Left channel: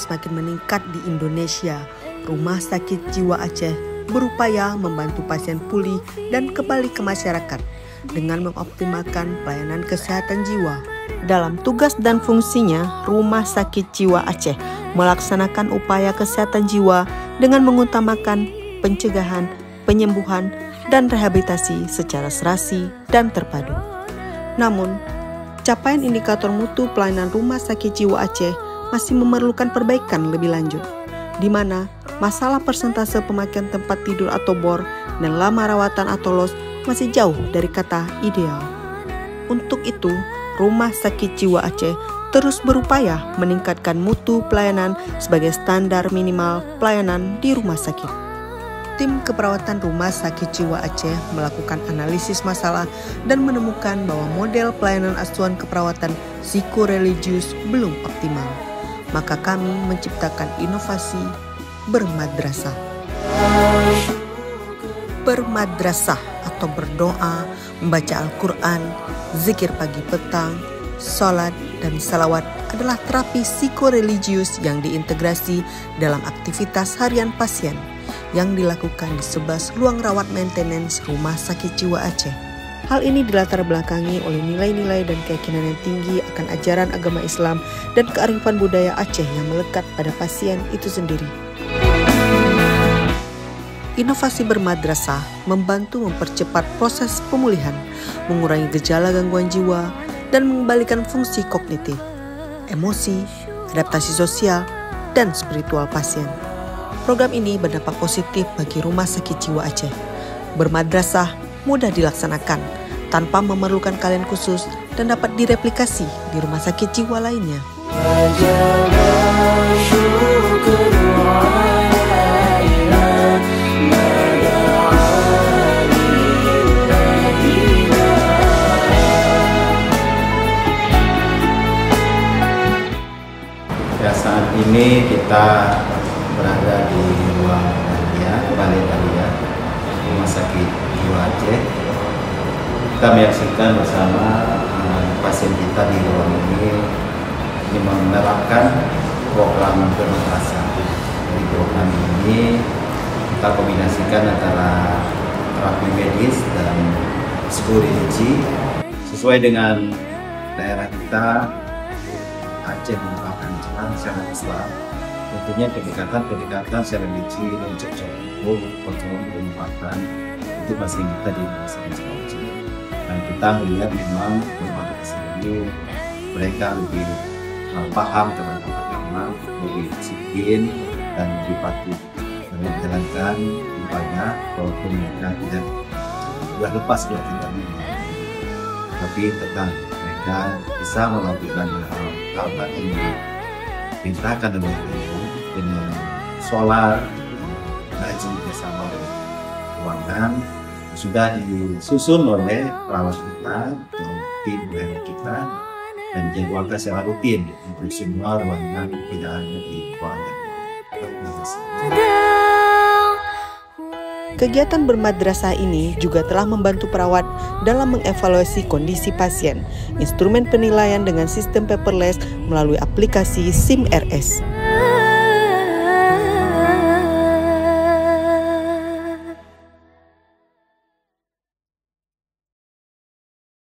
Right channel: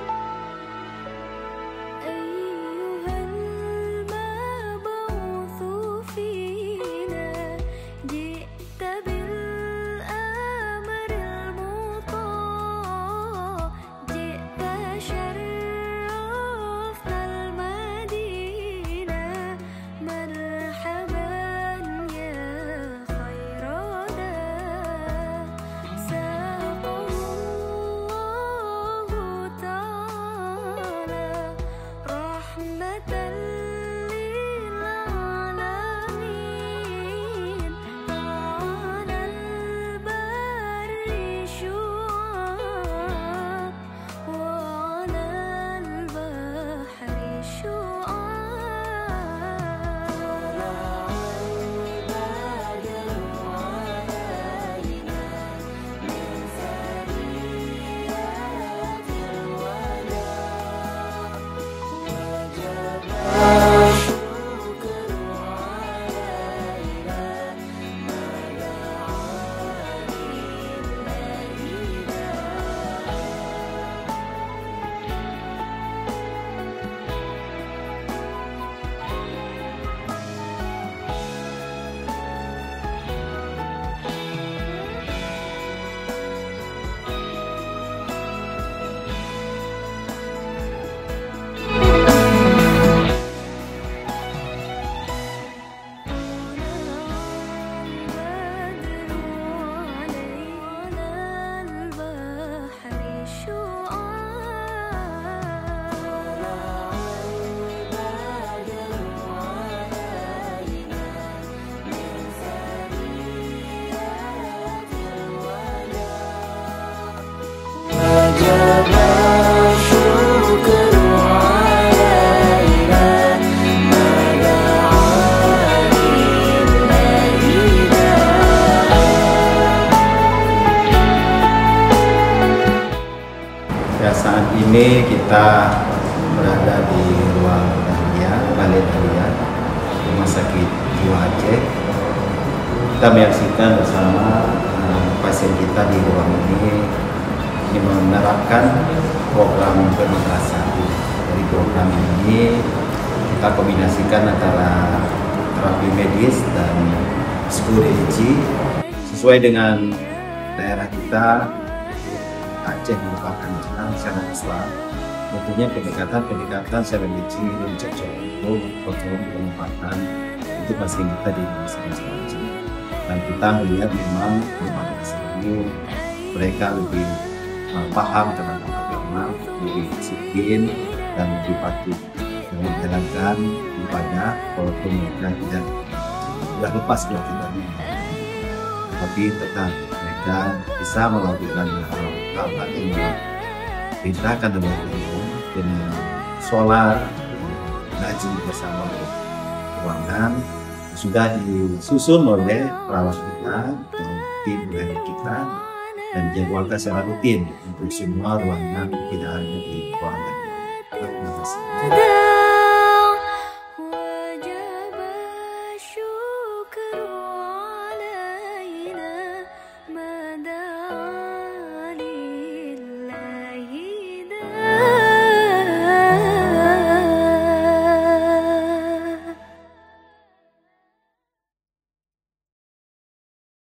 semakin meningkat di Indonesia, Rumah Sakit Jiwa Aceh berupaya membantu pasien pulih dan kembali ke masyarakat dengan mengoptimalkan pelayanan kesehatan jiwa. Dalam tugas dan fungsinya, Rumah Sakit Jiwa Aceh melaksanakan upaya kesehatan jiwa dengan mengutamakan pencegahan, penyembuhan, dan rehabilitasi secara serasi dan terpadu. Namun, capaian indikator mutu pelayanan Rumah Sakit Jiwa Aceh masih memerlukan perbaikan lebih lanjut, di mana masalah persentase pemakaian tempat tidur atau bor dan lama rawatan atau los masih jauh dari kata ideal. Untuk itu, Rumah Sakit Jiwa Aceh terus berupaya meningkatkan mutu pelayanan sebagai standar minimal pelayanan di rumah sakit. Tim keperawatan Rumah Sakit Jiwa Aceh melakukan analisis masalah dan menemukan bahwa model pelayanan asuhan keperawatan psikoreligius belum optimal. Maka kami menciptakan inovasi bermadrasah. Bermadrasah atau berdoa, membaca Al-Quran, zikir pagi petang, sholat, dan salawat adalah terapi psikoreligius yang diintegrasi dalam aktivitas harian pasien yang dilakukan di 11 ruang rawat maintenance Rumah Sakit Jiwa Aceh. Hal ini dilatar belakangi oleh nilai-nilai dan keyakinan yang tinggi akan ajaran agama Islam dan kearifan budaya Aceh yang melekat pada pasien itu sendiri. Inovasi bermadrasah membantu mempercepat proses pemulihan, mengurangi gejala gangguan jiwa, dan mengembalikan fungsi kognitif, emosi, adaptasi sosial, dan spiritual pasien. Program ini berdampak positif bagi Rumah Sakit Jiwa Aceh. Bermadrasah mudah dilaksanakan tanpa memerlukan kalian khusus dan dapat direplikasi di rumah sakit jiwa lainnya. Ya, saat ini kita berada di ruang Balai Dahlia Rumah Sakit Jiwa Aceh. Kita menyaksikan bersama pasien kita di ruang ini menerapkan program bermadrasah. Dari program ini kita kombinasikan antara terapi medis dan psikologis sesuai dengan daerah kita. Aceh merupakan daerah syariat Islam. Tentunya pendekatan secara religi dan cocok untuk kontrol penempatan itu masih kita di masyarakat Aceh. Dan kita melihat memang bermadrasah ini mereka lebih paham terhadap agama, lebih disiplin dan lebih patuh dalam menjalankan ibadah walaupun mereka tidak lepas dari ibadah. Tapi tetap mereka bisa melakukan hal-hal yang diperintahkan oleh Allah dengan sholat, ngaji bersama ruangan sudah disusun oleh perawat kita dan tim dari kita dan dijadwalkan secara rutin untuk semua ruangan, tidak hanya di ruangan. Kegiatan bermadrasah ini juga telah membantu perawat dalam mengevaluasi kondisi pasien, instrumen penilaian dengan sistem paperless melalui aplikasi SIM RS.